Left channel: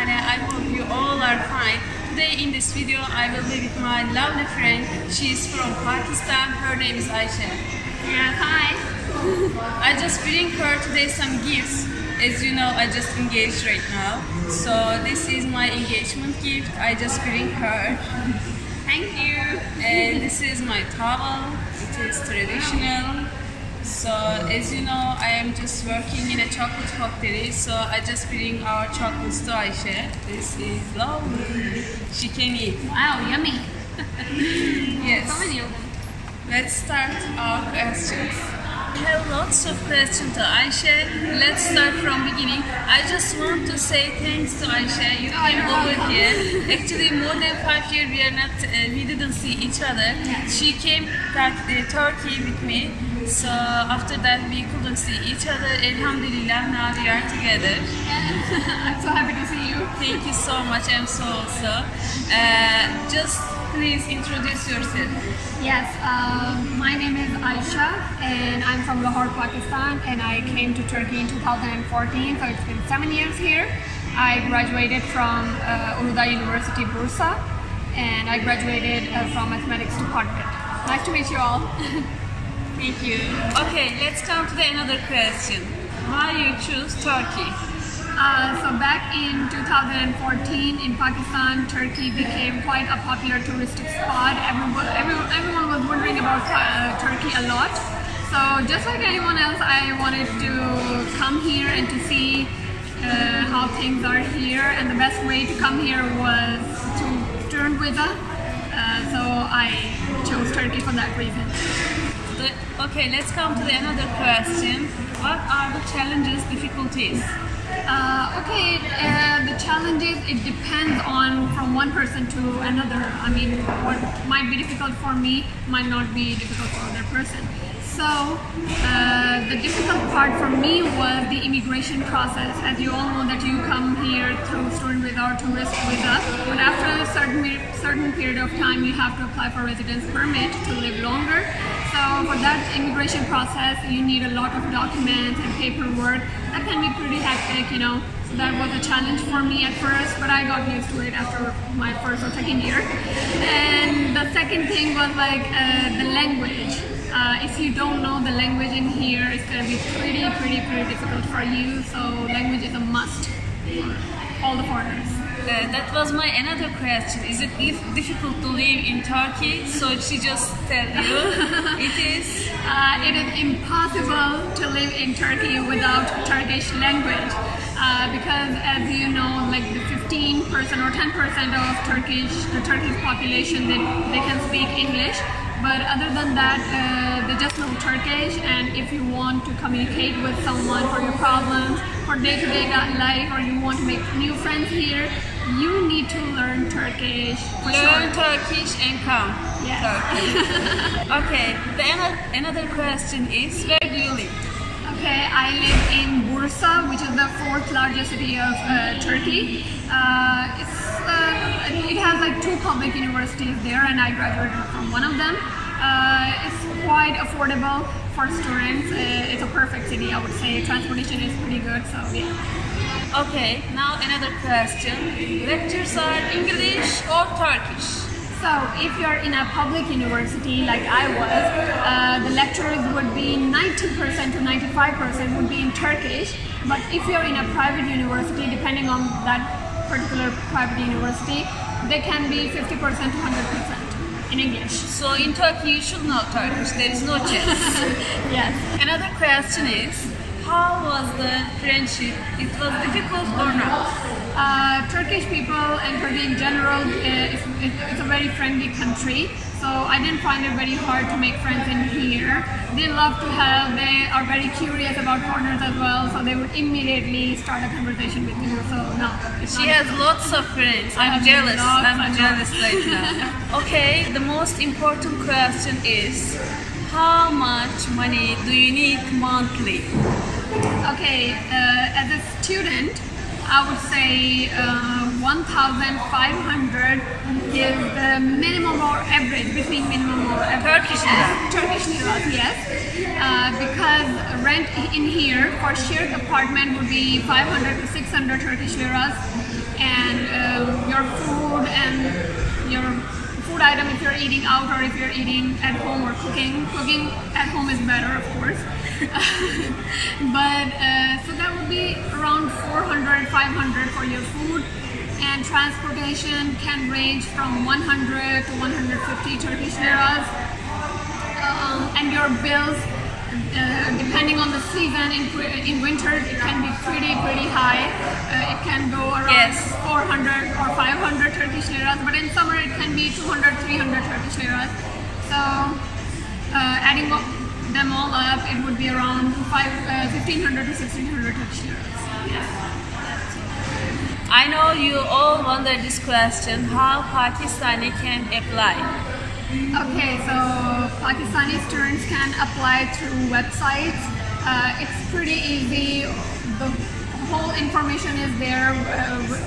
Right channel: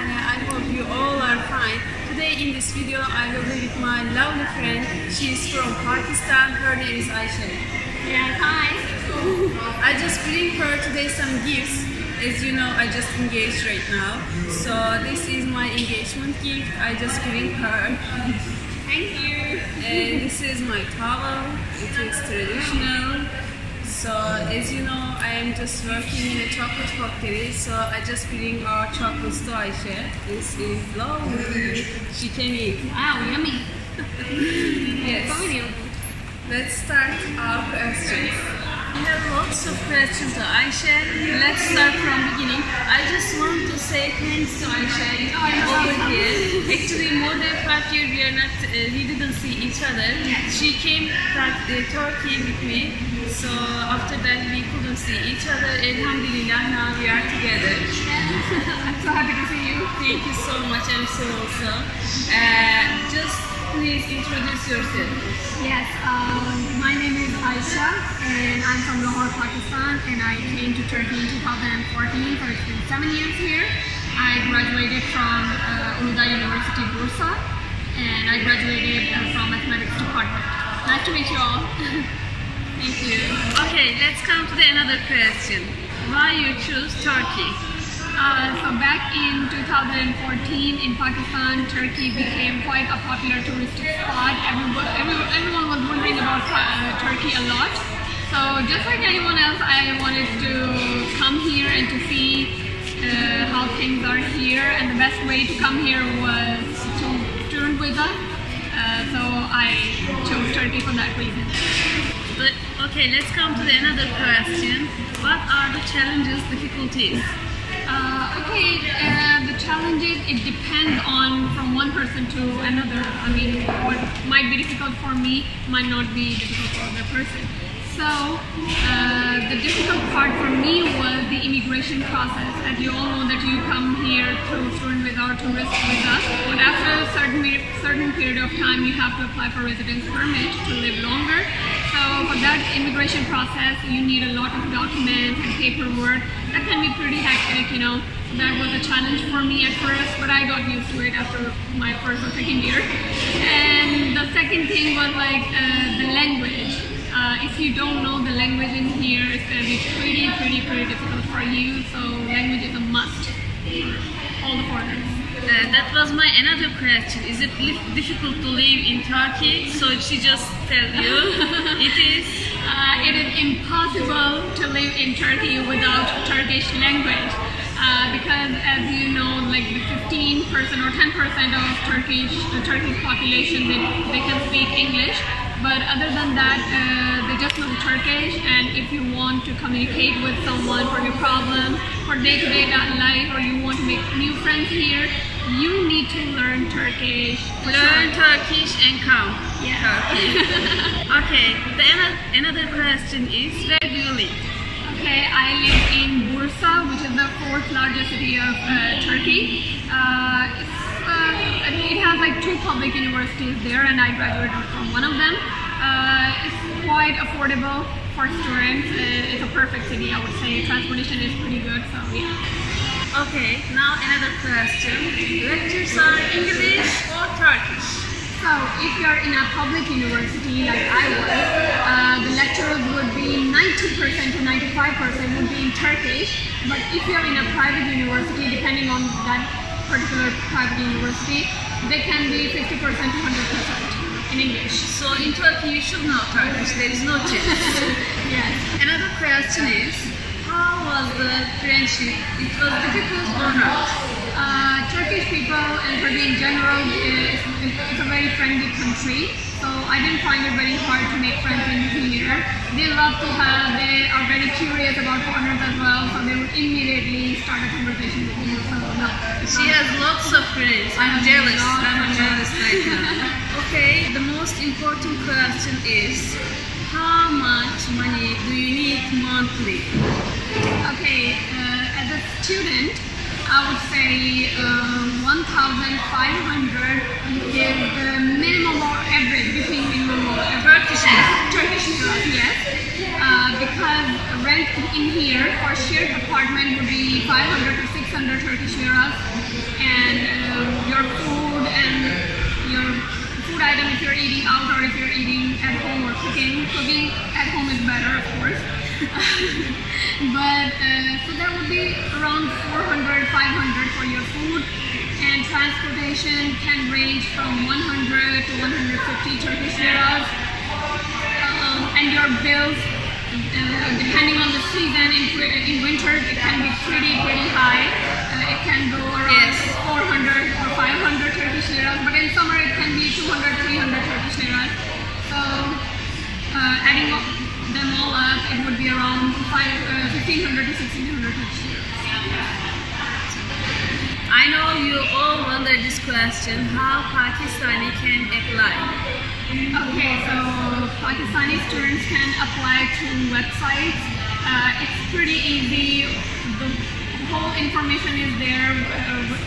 Pakistani. I hope you all are fine. Today in this video I will be with my lovely friend. She is from Pakistan. Her name is Ayesha. Yeah, hi. I just bring her today some gifts. As you know, I just engaged right now. So this is my engagement gift. I just bring her. Thank you. And this is my towel. It is traditional. So as you know, I am just working in a chocolate factory. So I just bring our chocolates to Ayesha. This is lovely. She can eat. Wow, yummy. Yes. So many of them. Let's start our questions. We have lots of questions to Ayesha. Let's start from beginning. I just want to say thanks to Ayesha. You know, you're welcome. Actually, more than 5 years we didn't see each other. Yes. She came to Turkey with me. So after that we couldn't see each other. Alhamdulillah, now we are together. I'm so happy to see you. Thank you so much. I'm so also. Just please introduce yourself. Yes, my name is Ayesha and I'm from Lahore, Pakistan, and I came to Turkey in 2014, so it's been 7 years here. I graduated from Uludağ University, Bursa, and I graduated from mathematics department. Nice to meet you all. Thank you. Okay, let's come to another question. Why you choose Turkey? So back in 2014 in Pakistan, Turkey became quite a popular touristic spot. Everyone was wondering about Turkey a lot. So just like anyone else, I wanted to come here and to see how things are here. And the best way to come here was to student visa. So I chose Turkey for that reason. Okay, let's come to another question. What are the challenges, difficulties? The challenges, it depends on from one person to another. I mean, what might be difficult for me might not be difficult for other person. So the difficult part for me was the immigration process. As you all know that you come here through student visa or tourist visa, but after a certain period of time you have to apply for residence permit to live longer. So for that immigration process, you need a lot of documents and paperwork. That can be pretty hectic, you know. So that was a challenge for me at first, but I got used to it after my first or second year. And the second thing was like the language. If you don't know the language in here, it's going to be pretty difficult for you. So language is a must for all the foreigners. That was my another question. Is it difficult to live in Turkey? So she just tell you it is. It is impossible to live in Turkey without Turkish language because, as you know, like the 15% or 10% of the Turkish population they can speak English. But other than that, they just know Turkish, and if you want to communicate with someone for your problems, for day-to-day life, or you want to make new friends here, you need to learn Turkish. Learn Turkish and come. Yes. Okay, another question is, where do you live? Okay, I live in Bursa, which is the 4th largest city of Turkey. It has like 2 public universities there, and I graduated from one of them. It's quite affordable for students. It's a perfect city, I would say. Transportation is pretty good, so yeah. Okay, now another question. Lectures are English or Turkish? So if you are in a public university like I was, the lectures would be 90% to 95% would be in Turkish. But if you are in a private university, depending on that particular private university, they can be 50% to 100% in English. So in Turkey you should know Turkish, there is no chance. Yes. Another question is, how was the friendship? It was difficult or not? Turkish people and Turkey in general, it's a very friendly country. So I didn't find it very hard to make friends in here. They are very curious about foreigners as well, so they would immediately start a conversation with you. So no. She has lots of friends. I'm jealous right now. Okay, the most important question is, how much money do you need monthly? Okay, as a student, I would say 1,500 is the minimum or average between minimum or average. Turkish lira, yes. because rent in here for shared apartment would be 500 to 600 Turkish liras, and your food and your food item if you're eating out or if you're eating at home or cooking at home is better, of course. But so that would be around 400, 500 for your food, and transportation can range from 100 to 150 Turkish liras, and your bills, depending on the season, in winter it can be pretty high. It can go around 400 or 500 Turkish liras, but in summer it can be 200, 300 Turkish liras. So adding them all up, it would be around 1500 to 1600 Turkish liras. I know you all wonder this question, how Pakistani can apply? Okay, so Pakistani students can apply through websites. It's pretty easy. The whole information is there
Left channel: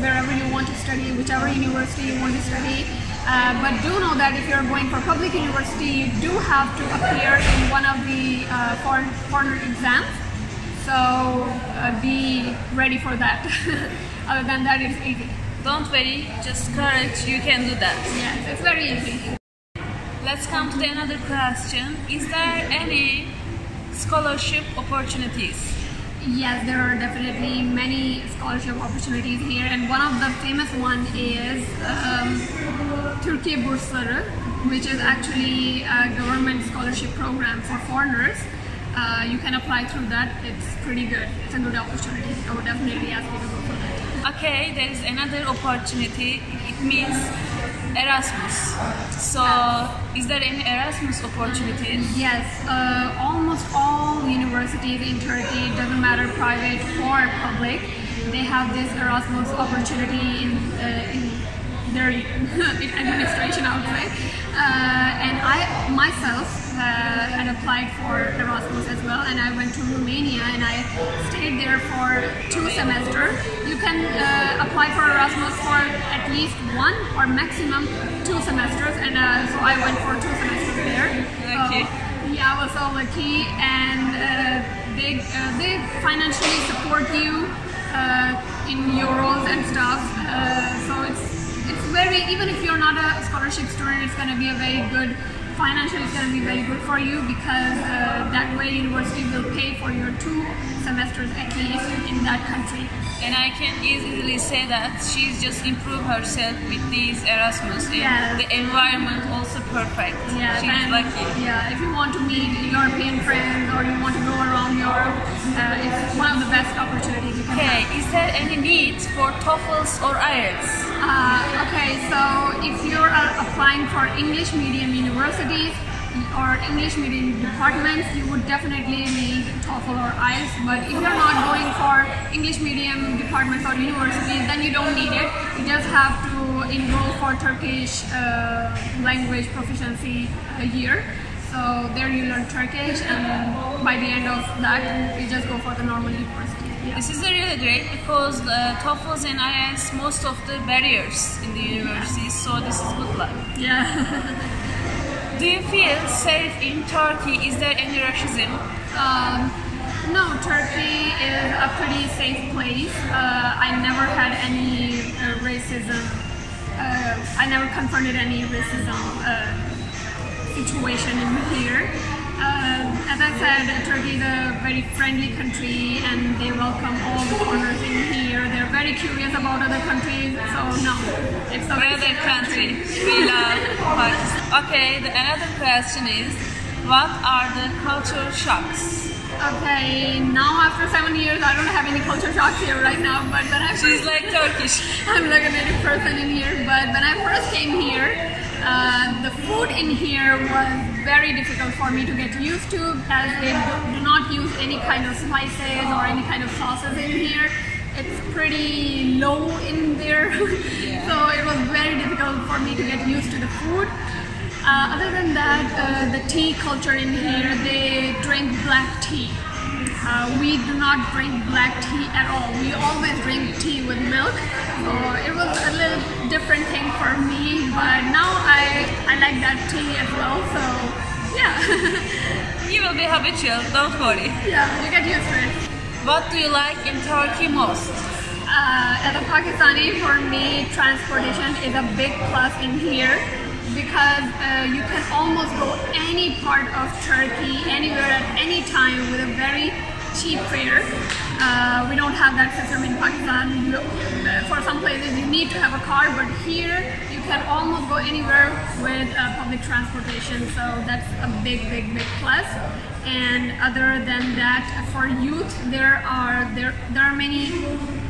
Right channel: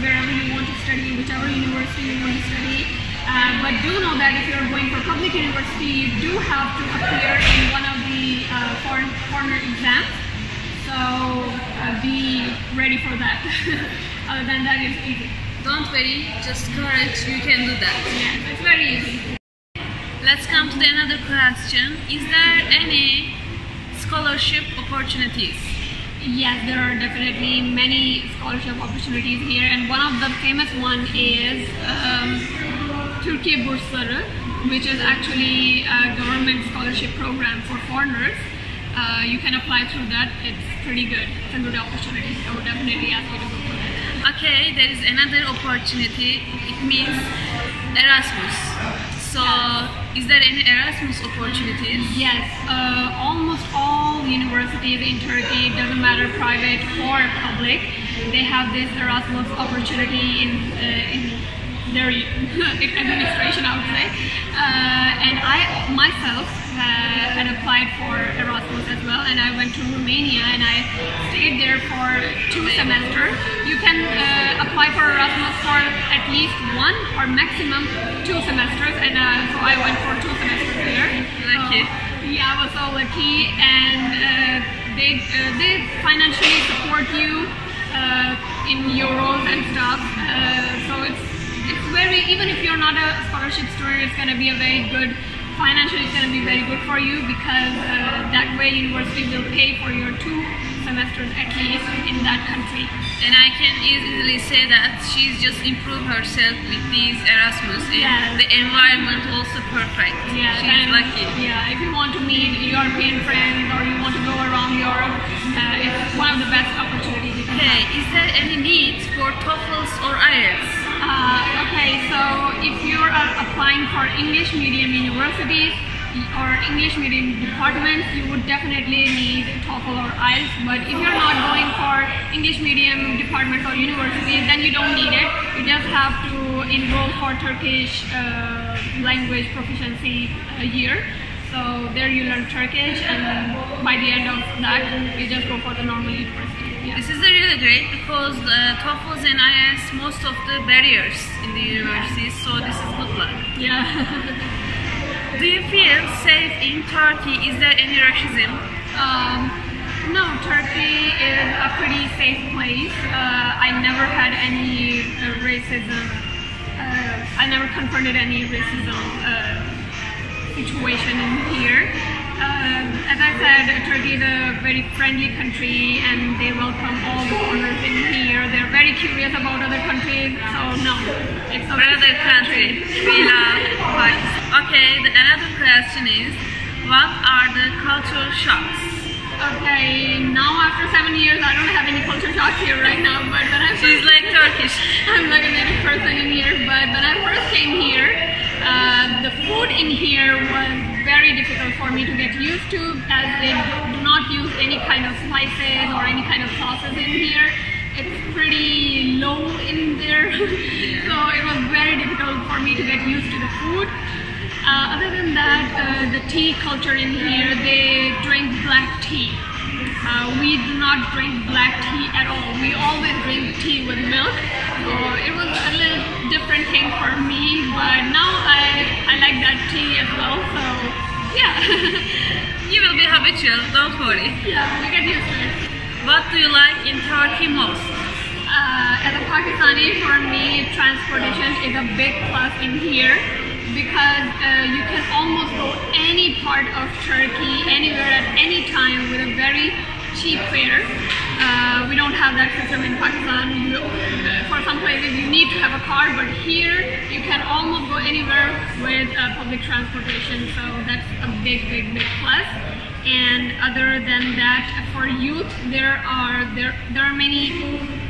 wherever you want to study, whichever university you want to study. But do know that if you're going for public university, you do have to appear in one of the foreigner exams. So be ready for that. Other than that, it's easy. Don't worry, just courage, you can do that. Yes, it's very easy. Let's come to the another question. Is there any scholarship opportunities? Yes, there are definitely many scholarship opportunities here, and one of the famous one is Türkiye Bursları, which is actually a government scholarship program for foreigners. You can apply through that. It's pretty good. It's a good opportunity. I would definitely ask you to go for that. Okay, there is another opportunity. It means Erasmus. So, is there any Erasmus opportunities? Yes, almost all universities in Turkey, doesn't matter private or public, they have this Erasmus opportunity in their administration, I would say. And I myself had applied for Erasmus as well, and I went to Romania and I stayed there for 2 semesters. You can apply for Erasmus for at least 1 or maximum 2 semesters, and so I went for 2 semesters there. Lucky. Yeah, I was so lucky, and they financially support you in euros and stuff. So it's very, even if you're not a scholarship student, it's going to be a very good, financially it's going to be very good for you, because that way university will pay for your 2 semesters at least in that country. And I can easily say that she's just improved herself with these Erasmus, and the environment also perfect. Yeah, she's lucky. Yeah, if you want to meet European friends or you want to go around Europe, it's one of the best opportunities you can have. Is there any need for TOEFLs or IELTS? Okay, so if you're applying for English medium universities or English medium departments, you would definitely need TOEFL or IELTS. But if you're not going for English medium departments or universities, then you don't need it. You just have to enroll for Turkish language proficiency year. So there you learn Turkish, and by the end of that, you just go for the normal university. Yeah. This is really great, because the TOEFLs and IELTS, most of the barriers in the universities, so this is good luck. Yeah. Do you feel safe in Turkey? Is there any racism? No, Turkey is a pretty safe place. I never had any racism. I never confronted any racism situation in here. As I said, Turkey is a very friendly country, and they welcome all the foreigners in here. They're very curious about other countries, so no, it's a very safe country. We love Pakistan. Okay, another question is, what are the cultural shocks? Okay, now after 7 years, I don't have any culture shocks here right now, but when I She's like Turkish. I'm like a native person in here, but when I first came here, the food in here was very difficult for me to get used to, as they do not use any kind of spices or any kind of sauces in here. It's pretty low in there, so it was very difficult for me to get used to the food. Other than that, the tea culture in here, they drink black tea. We do not drink black tea at all. We always drink tea with milk. So it was a little different thing for me, but now I like that tea as well. So yeah. You will be habitual, don't worry. Yeah, you get used to it. What do you like in Turkey most? As a Pakistani, for me, transportation is a big plus in here because you can almost go any part of Turkey, anywhere at any time with a very cheap fare. We don't have that system in Pakistan. For some places you need to have a car, but here you can almost go anywhere with public transportation, so that's a big plus. And other than that, for youth, there are many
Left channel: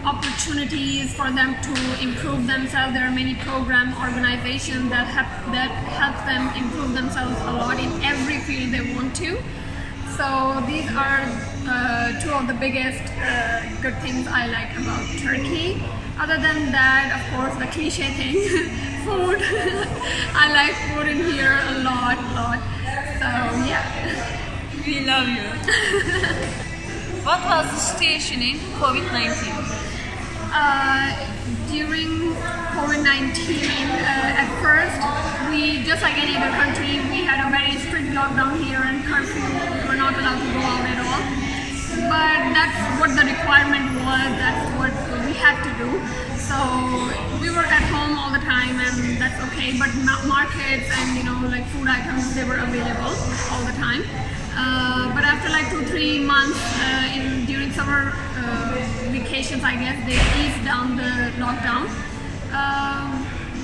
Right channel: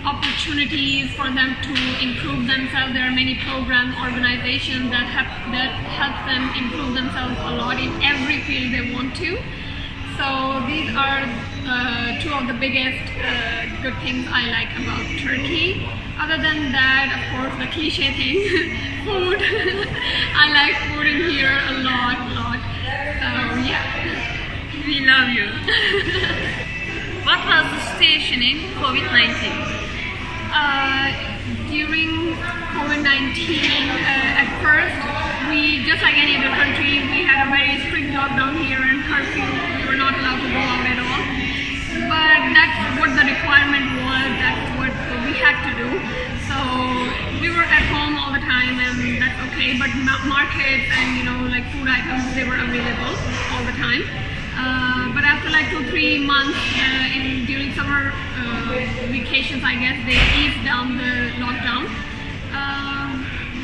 opportunities for them to improve themselves. There are many program organizations that help them improve themselves a lot in every field they want to. So these are two of the biggest good things I like about Turkey. Other than that, of course, the cliche thing, food. I like food in here a lot. So yeah. We love you. What was the situation in COVID-19? During COVID-19, at first, we, just like any other country, we had a very strict lockdown here and curfew. We were not allowed to go out at all. But that's what the requirement was, that's what we had to do. So we were at home all the time, and that's okay. But markets and like food items, they were available all the time. But after like 2-3 months during summer vacations, I guess, they eased down the lockdown.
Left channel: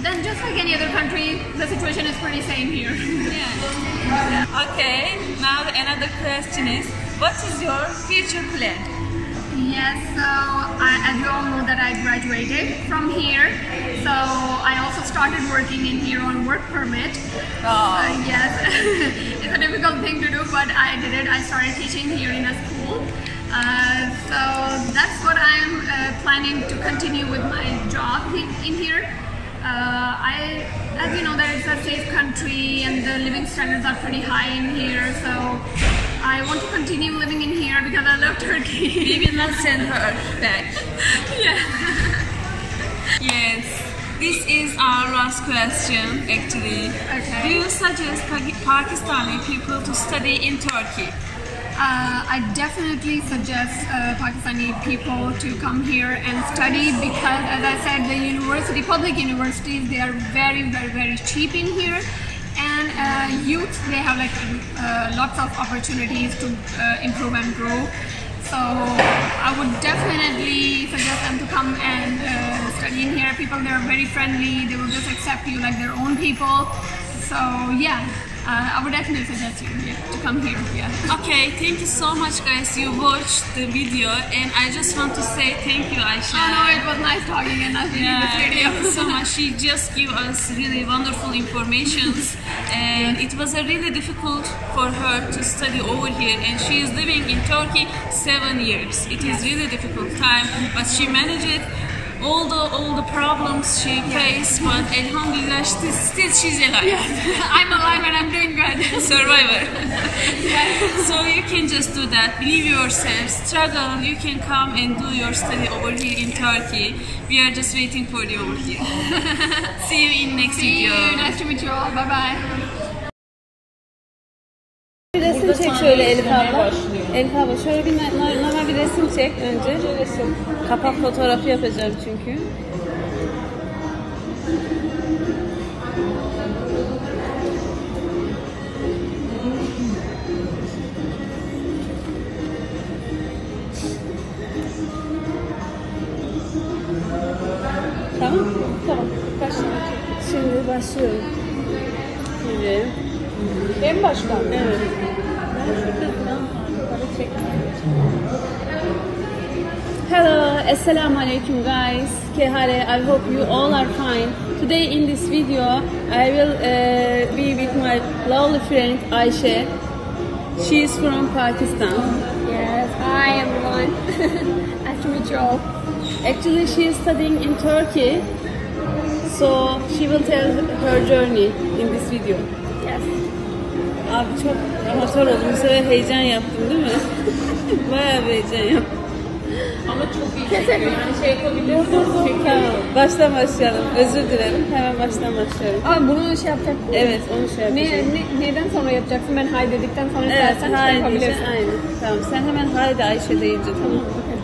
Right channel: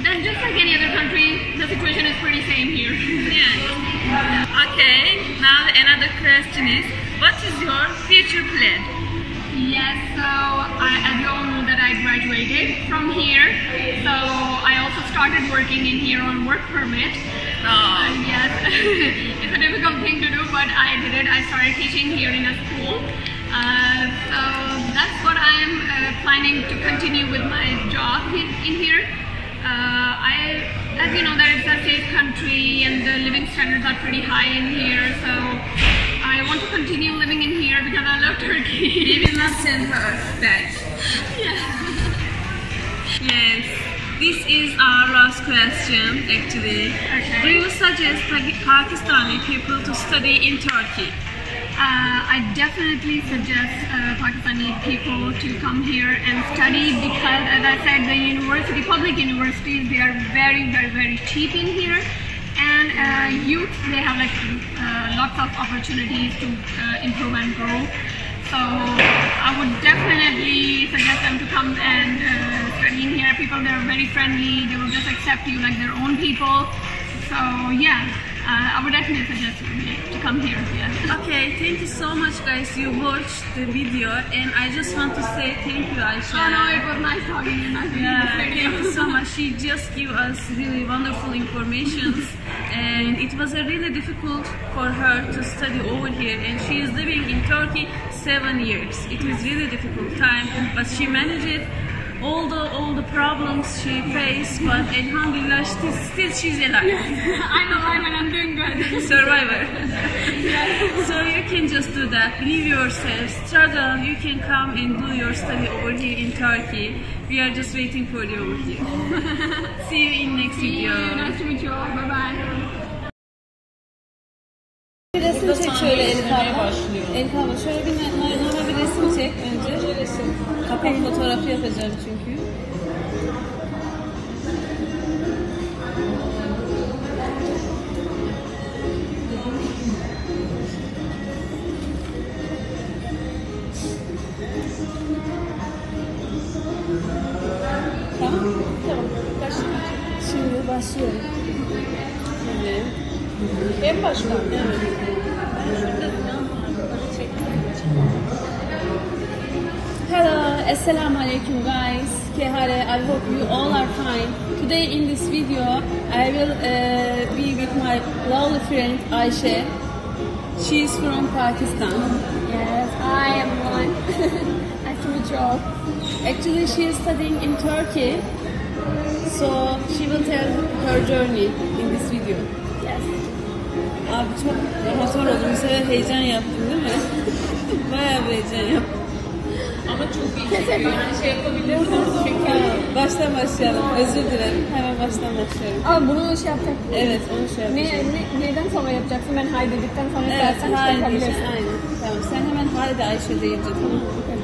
Then just like any other country, the situation is pretty same here. Yeah. Okay, now another question is, what is your future plan? Yes, so as you all know that I graduated from here, so I also started working in here on work permit. Yes, it's a difficult thing to do, but I did it. I started teaching here in a school. So that's what I'm planning to continue with my job in here. As you know, that it's a safe country and the living standards are pretty high in here, so I want to continue living in here because I love Turkey. We will not send her back. Yeah. Yes. This is our last question, actually. Okay. Do you suggest Pakistani people to study in Turkey? I definitely suggest Pakistani people to come here and study because, as I said, the public universities, they are very cheap in here. And youth, they have like lots of opportunities to improve and grow. So I would definitely suggest them to come and study in here. People, they're very friendly. They will just accept you like their own people. So yeah, I would definitely suggest you to come here. Yeah. Okay, thank you so much, guys. You watched the video, and I just want to say thank you, Ayesha. Oh no, it was nice talking and nice doing this video. Thank you so much. She just gave us really wonderful informations, and it was really difficult for her to study over here, and she is living in Turkey 7 years. It is really difficult time, but she managed it. All the problems she faced, but alhamdulillah, still she's alive. Yes, I'm alive and I'm doing good. Survivor. Yes. So you can just do that. Believe yourself, struggle. You can come and do your study over here in Turkey. We are just waiting for you over here. See you in next video. See you. Nice to meet you all. Bye bye. Bir resim çek şöyle Elif abla. Elif abla şöyle normal bir resim çek önce. Kapak fotoğrafı yapacağım çünkü. Tamam. Şimdi başlıyorum. Şimdi. En başta. Evet. Hello, assalamu alaikum guys. I hope you all are fine. Today in this video I will be with my lovely friend Ayesha. She is from Pakistan. Yes, I am one. Nice to meet you all. Actually she is studying in Turkey. So she will tell her journey in this video. Yes. Abi çok rahat oldum. Bu sefer heyecan yaptım değil mi? Bayağı bir heyecan yaptım. Ama çok iyi. Teşekkür ederim. Şey yapabilirsin. Tamam, baştan başlayalım. Özür dilerim. Hemen baştan başlayalım. Aa, bunu şey yapacak. Evet, onu şey yapacağız. Neden sonra yapacaksın? Ben hay dedikten sonra Evet, istersen şey haydi, yapabilirsin. aynen. Tamam, sen hemen haydi Ayşe deyince tamam. Okay.